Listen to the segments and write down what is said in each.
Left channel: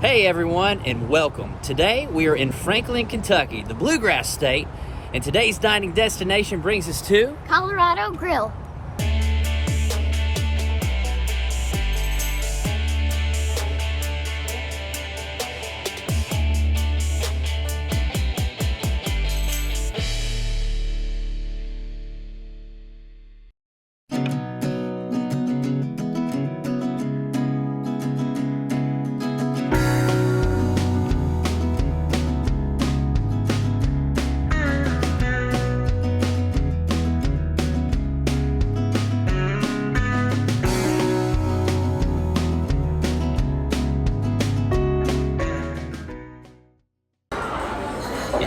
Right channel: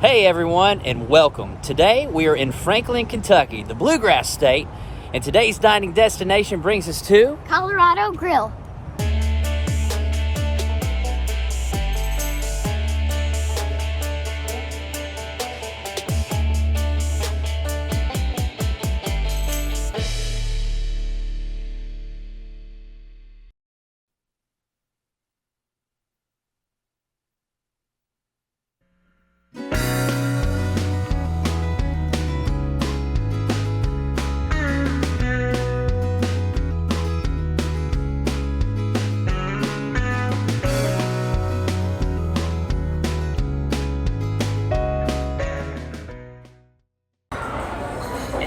Hey everyone, and welcome. Today we are in Franklin, Kentucky, the Bluegrass State, and today's dining destination brings us to Colorado Grill.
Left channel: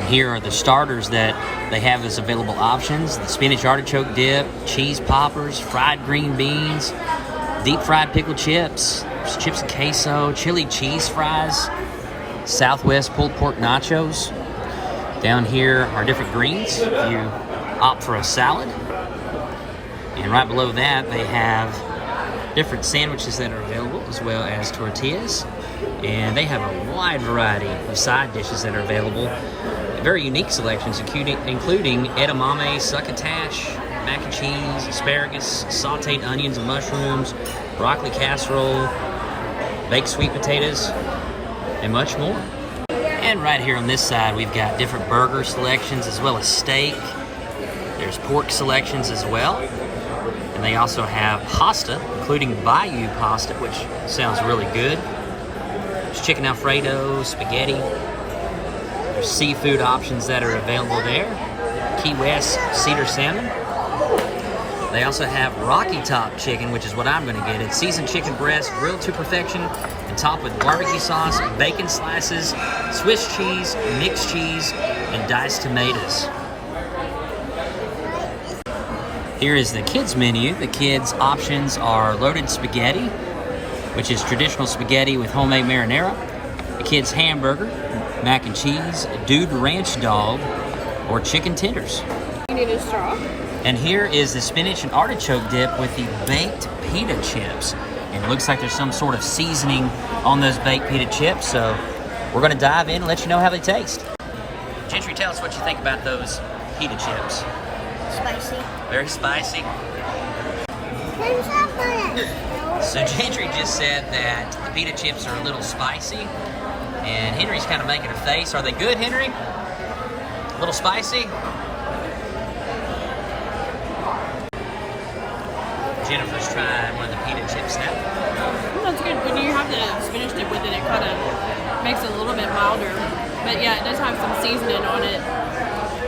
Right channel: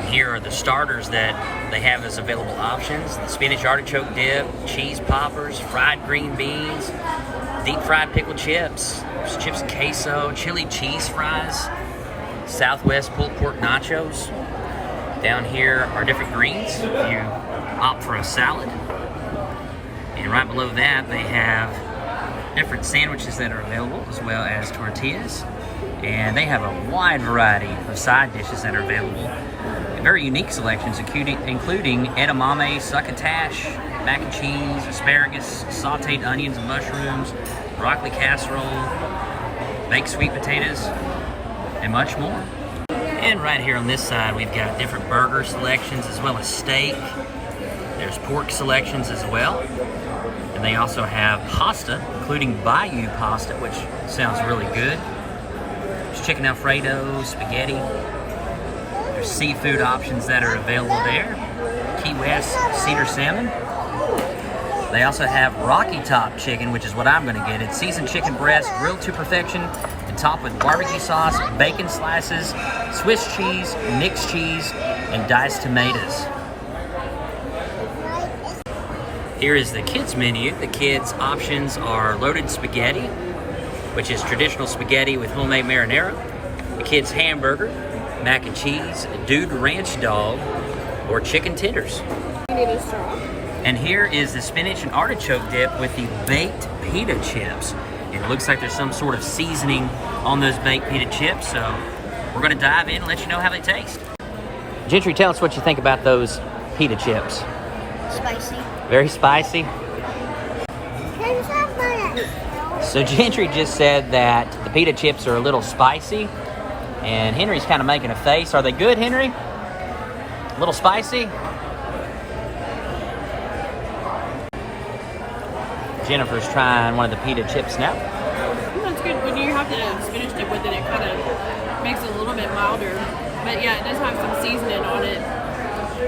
Here are the starters that they have as available options: the spinach artichoke dip, cheese poppers, fried green beans, deep fried pickled chips, chips and queso, chili cheese fries, Southwest pulled pork nachos. Down here are different greens if you opt for a salad. And right below that they have different sandwiches that are available, as well as tortillas. And they have a wide variety of side dishes that are available. Very unique selections, including edamame, succotash, mac and cheese, asparagus, sauteed onions and mushrooms, broccoli casserole, baked sweet potatoes, and much more. And right here on this side, we've got different burger selections as well as steak. There's pork selections as well. And they also have pasta, including Bayou pasta, which sounds really good. There's chicken Alfredo, spaghetti. There's seafood options that are available there. Key West cedar salmon. They also have Rocky Top chicken, which is what I'm gonna get. It's seasoned chicken breast, grilled to perfection, and topped with barbecue sauce, bacon slices, Swiss cheese, mixed cheese, and diced tomatoes. Here is the kids menu. The kids options are loaded spaghetti, which is traditional spaghetti with homemade marinara, the kids hamburger, mac and cheese, dude ranch dog, or chicken tenders. You need a straw? And here is the spinach and artichoke dip with the baked pita chips. It looks like there's some sort of seasoning on those baked pita chips, so we're gonna dive in and let you know how they taste. Gentry, tell us what you think about those pita chips. Spicy. Very spicy. So Gentry just said that the pita chips are a little spicy, and Henry's kind of making a face. Are they good, Henry? A little spicy? Jennifer's trying one of the pita chips now. That's good. When you have the spinach dip with it, it kind of makes it a little bit milder. But yeah, it does have some seasoning on it.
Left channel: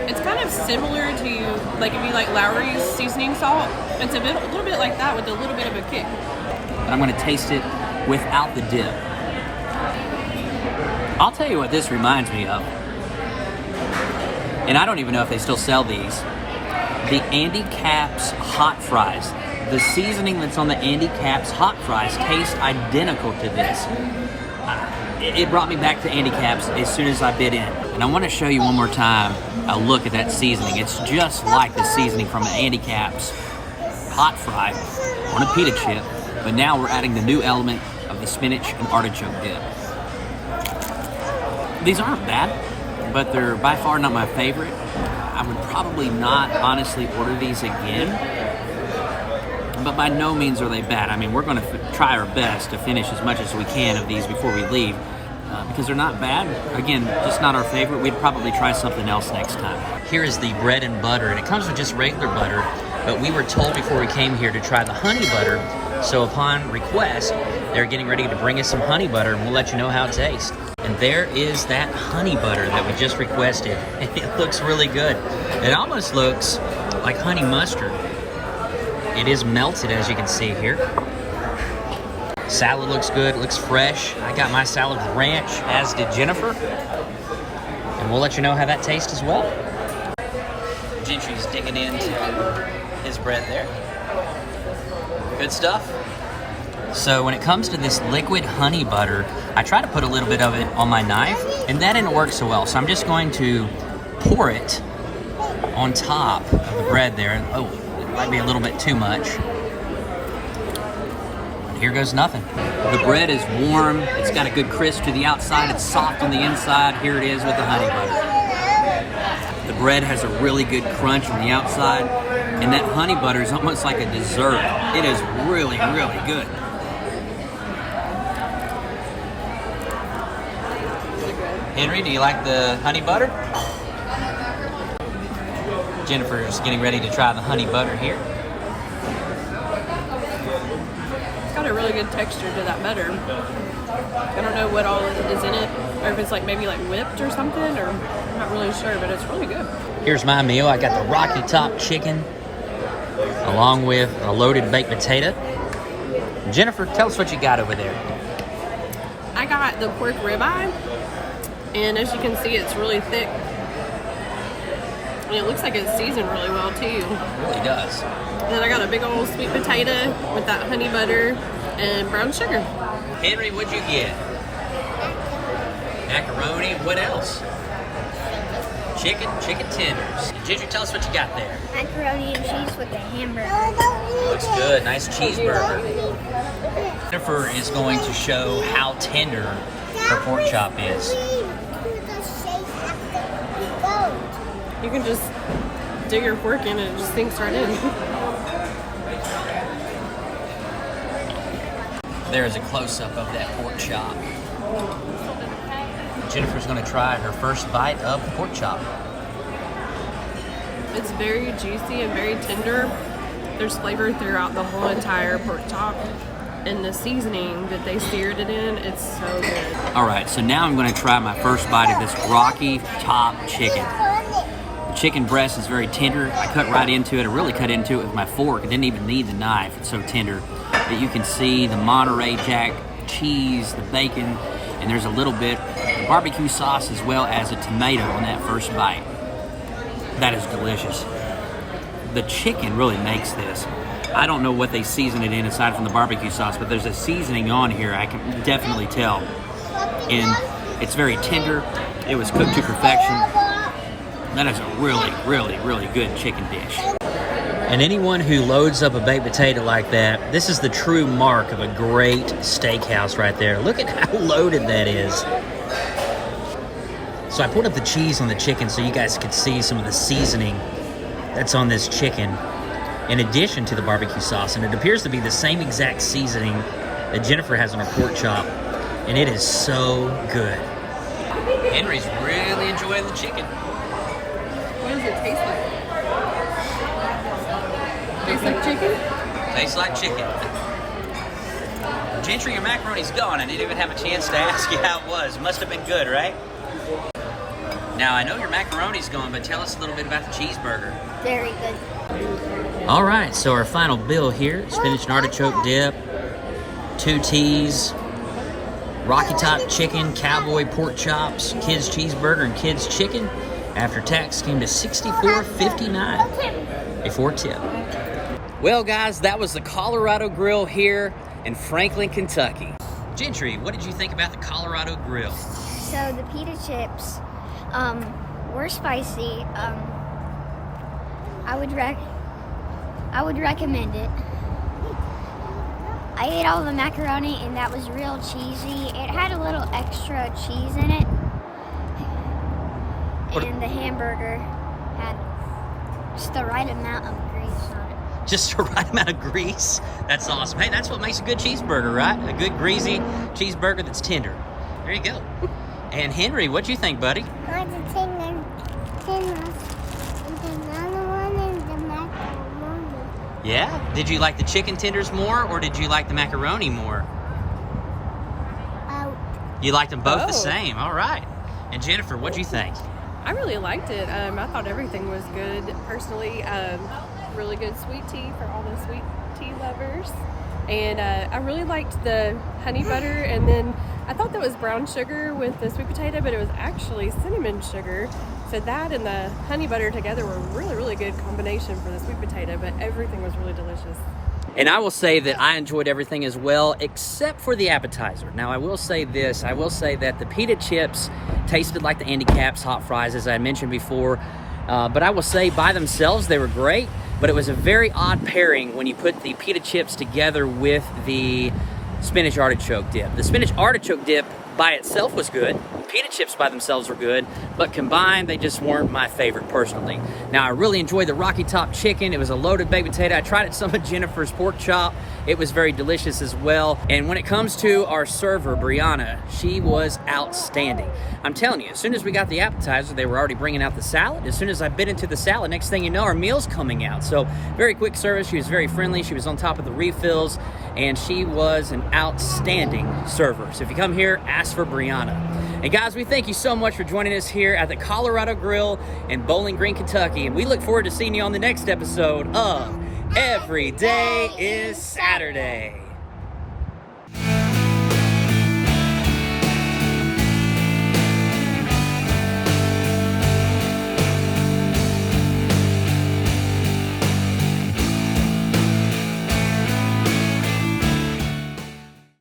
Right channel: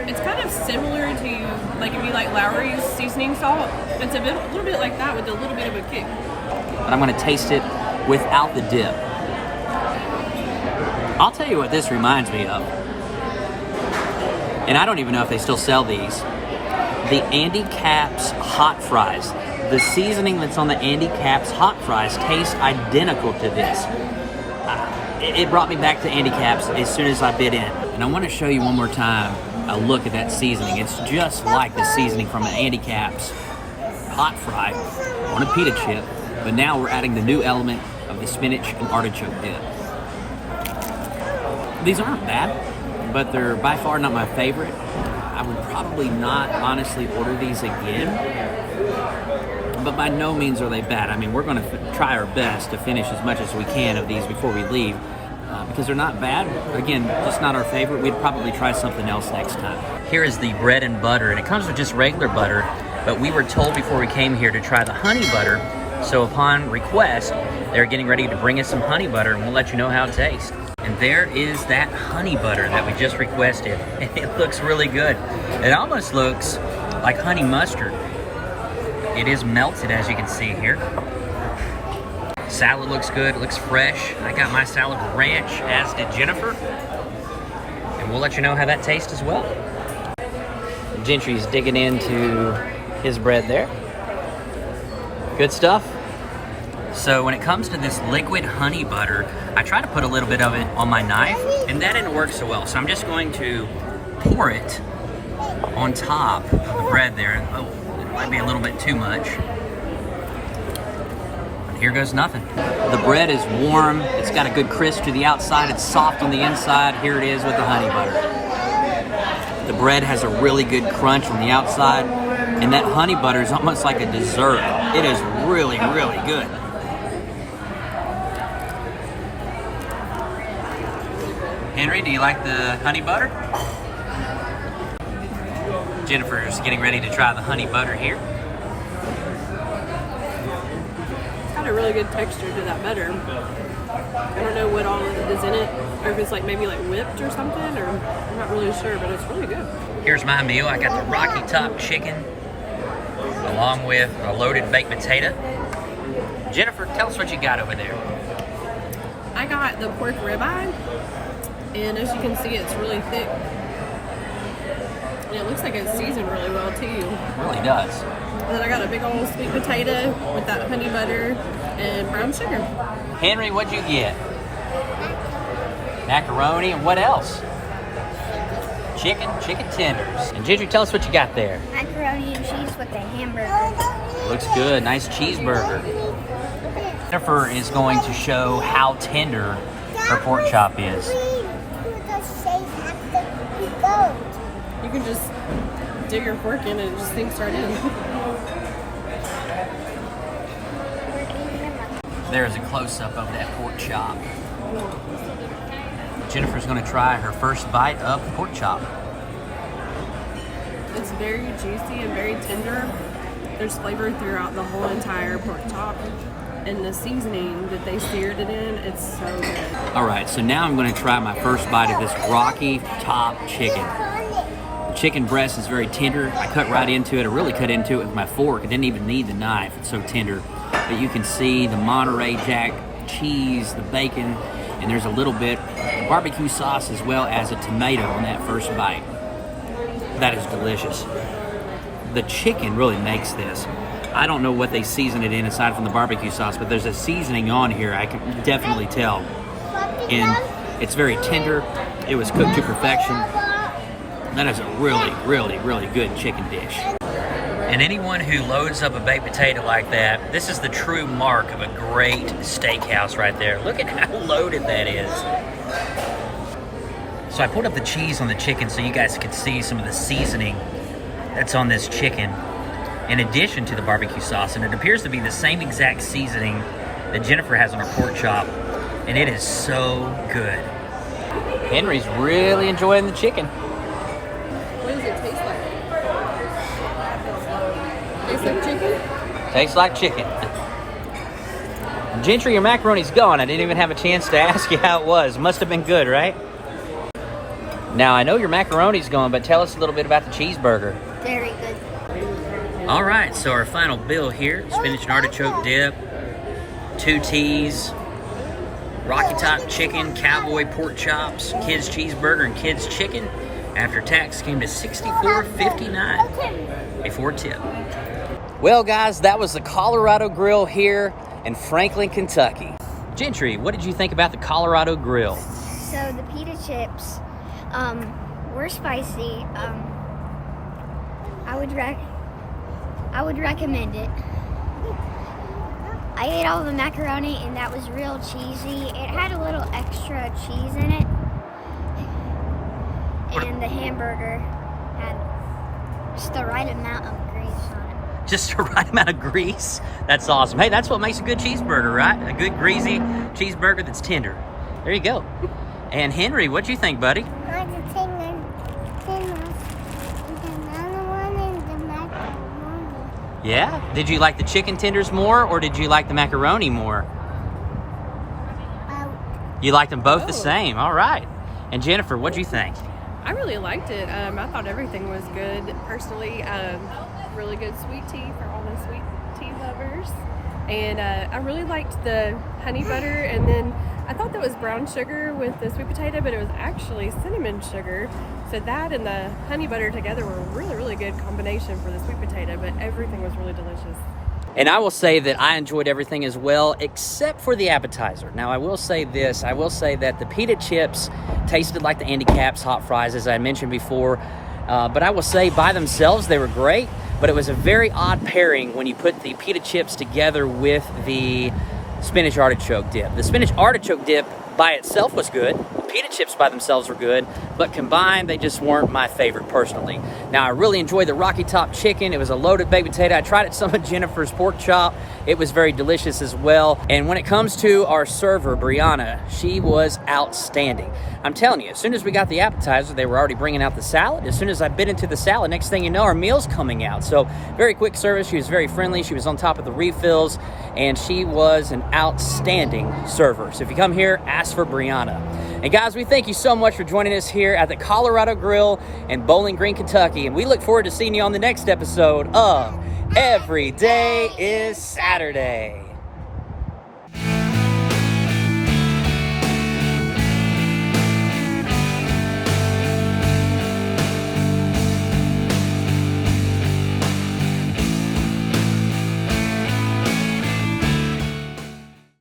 It's kind of similar to, like, if you like Lowry's seasoning salt. It's a little bit like that with a little bit of a kick. But I'm going to taste it without the dip. I'll tell you what this reminds me of. And I don't even know if they still sell these. The Andy Capp's hot fries. The seasoning that's on the Andy Capp's hot fries tastes identical to this. It brought me back to Andy Capp's as soon as I bit in. And I want to show you one more time a look at that seasoning. It's just like the seasoning from an Andy Capp's hot fry on a pita chip, but now we're adding the new element of the spinach and artichoke dip. These aren't bad, but they're by far not my favorite. I would probably not honestly order these again, but by no means are they bad. I mean, we're going to try our best to finish as much as we can of these before we leave, because they're not bad. Again, just not our favorite. We'd probably try something else next time. Here is the bread and butter, and it comes with just regular butter, but we were told before we came here to try the honey butter, so upon request, they're getting ready to bring us some honey butter, and we'll let you know how it tastes. And there is that honey butter that we just requested, and it looks really good. It almost looks like honey mustard. It is melted, as you can see here. Salad looks good, it looks fresh. I got my salad with ranch, as did Jennifer. And we'll let you know how that tastes as well. Gentry's digging into his bread there. Good stuff. So when it comes to this liquid honey butter, I try to put a little bit of it on my knife, and that didn't work so well. So I'm just going to pour it on top of the bread there. Oh, it might be a little bit too much. And here goes nothing. The bread is warm. It's got a good crisp to the outside. It's soft on the inside. Here it is with the honey butter. The bread has a really good crunch on the outside. And that honey butter is almost like a dessert. It is really, really good. Henry, do you like the honey butter? Jennifer's getting ready to try the honey butter here. It's got a really good texture to that butter. I don't know what all is in it, or if it's like maybe like whipped or something, or I'm not really sure, but it's really good. Here's my meal. I got the Rocky Top chicken along with a loaded baked potato. Jennifer, tell us what you got over there. I got the pork ribeye, and as you can see, it's really thick. And it looks like it's seasoned really well too. It really does. And then I got a big old sweet potato with that honey butter and brown sugar. Henry, what'd you get? Macaroni, and what else? Chicken tenders. And Ginger, tell us what you got there. Macaroni and cheese with the hamburger. Looks good, nice cheeseburger. Jennifer is going to show how tender her pork chop is. You can just dig your fork in and it just sinks right in. There is a close-up of that pork chop. Jennifer's going to try her first bite of the pork chop. It's very juicy and very tender. There's flavor throughout the whole entire pork chop. And the seasoning that they seared it in, it's so good. All right, so now I'm going to try my first bite of this Rocky Top chicken. The chicken breast is very tender. I cut right into it. I really cut into it with my fork. I didn't even need the knife. It's so tender. But you can see the Monterey Jack cheese, the bacon, and there's a little bit of barbecue sauce as well as a tomato on that first bite. That is delicious. The chicken really makes this. I don't know what they season it in aside from the barbecue sauce, but there's a seasoning on here I can definitely tell. And it's very tender. It was cooked to perfection. That is a really, really, really good chicken dish. And anyone who loads up a baked potato like that, this is the true mark of a great steakhouse right there. Look at how loaded that is. So I put up the cheese on the chicken so you guys could see some of the seasoning that's on this chicken in addition to the barbecue sauce. And it appears to be the same exact seasoning that Jennifer has on her pork chop. And it is so good. Henry's really enjoying the chicken. What does it taste like? Tastes like chicken? Tastes like chicken. Gentry, your macaroni's gone. I didn't even have a chance to ask you how it was. Must have been good, right? Now, I know your macaroni's gone, but tell us a little bit about the cheeseburger. Very good. All right, so our final bill here, spinach and artichoke dip, 2 teas, Rocky Top chicken, cowboy pork chops, kids cheeseburger, and kids chicken. After tax came to $64.59 before tip. Well, guys, that was the Colorado Grill here in Franklin, Kentucky. Gentry, what did you think about the Colorado Grill? So the pita chips were spicy. I would recommend it. I ate all the macaroni and that was real cheesy. It had a little extra cheese in it. And the hamburger had just the right amount of grease on it. Just the right amount of grease? That's awesome. Hey, that's what makes a good cheeseburger, right? A good greasy cheeseburger that's tender. There you go. And Henry, what'd you think, buddy? I like the tender, and another one is the macaroni. Yeah? Did you like the chicken tenders more, or did you like the macaroni more? You liked them both the same. All right. And Jennifer, what'd you think? I really liked it. I thought everything was good. Personally, really good sweet tea for all the sweet tea lovers. And I really liked the honey butter, and then I thought that was brown sugar with the sweet potato, but it was actually cinnamon sugar. So that and the honey butter together were a really, really good combination for the sweet potato, but everything was really delicious. And I will say that I enjoyed everything as well, except for the appetizer. Now, I will say this. I will say that the pita chips tasted like the Andy Capp's hot fries, as I mentioned before. But I will say by themselves, they were great. but it was a very odd pairing when you put the pita chips together with the spinach artichoke dip. The spinach artichoke dip by itself was good. Pita chips by themselves were good, but combined, they just weren't my favorite personally. Now, I really enjoyed the Rocky Top chicken. It was a loaded baked potato. I tried it some of Jennifer's pork chop. It was very delicious as well. And when it comes to our server, Brianna, she was outstanding. I'm telling you, as soon as we got the appetizer, they were already bringing out the salad. As soon as I bit into the salad, next thing you know, our meal's coming out. So very quick service. She was very friendly. She was on top of the refills, and she was an outstanding server. So if you come here, ask for Brianna. And guys, we thank you so much for joining us here at the Colorado Grill in Bowling Green, Kentucky. And we look forward to seeing you on the next episode of Every Day is Saturday.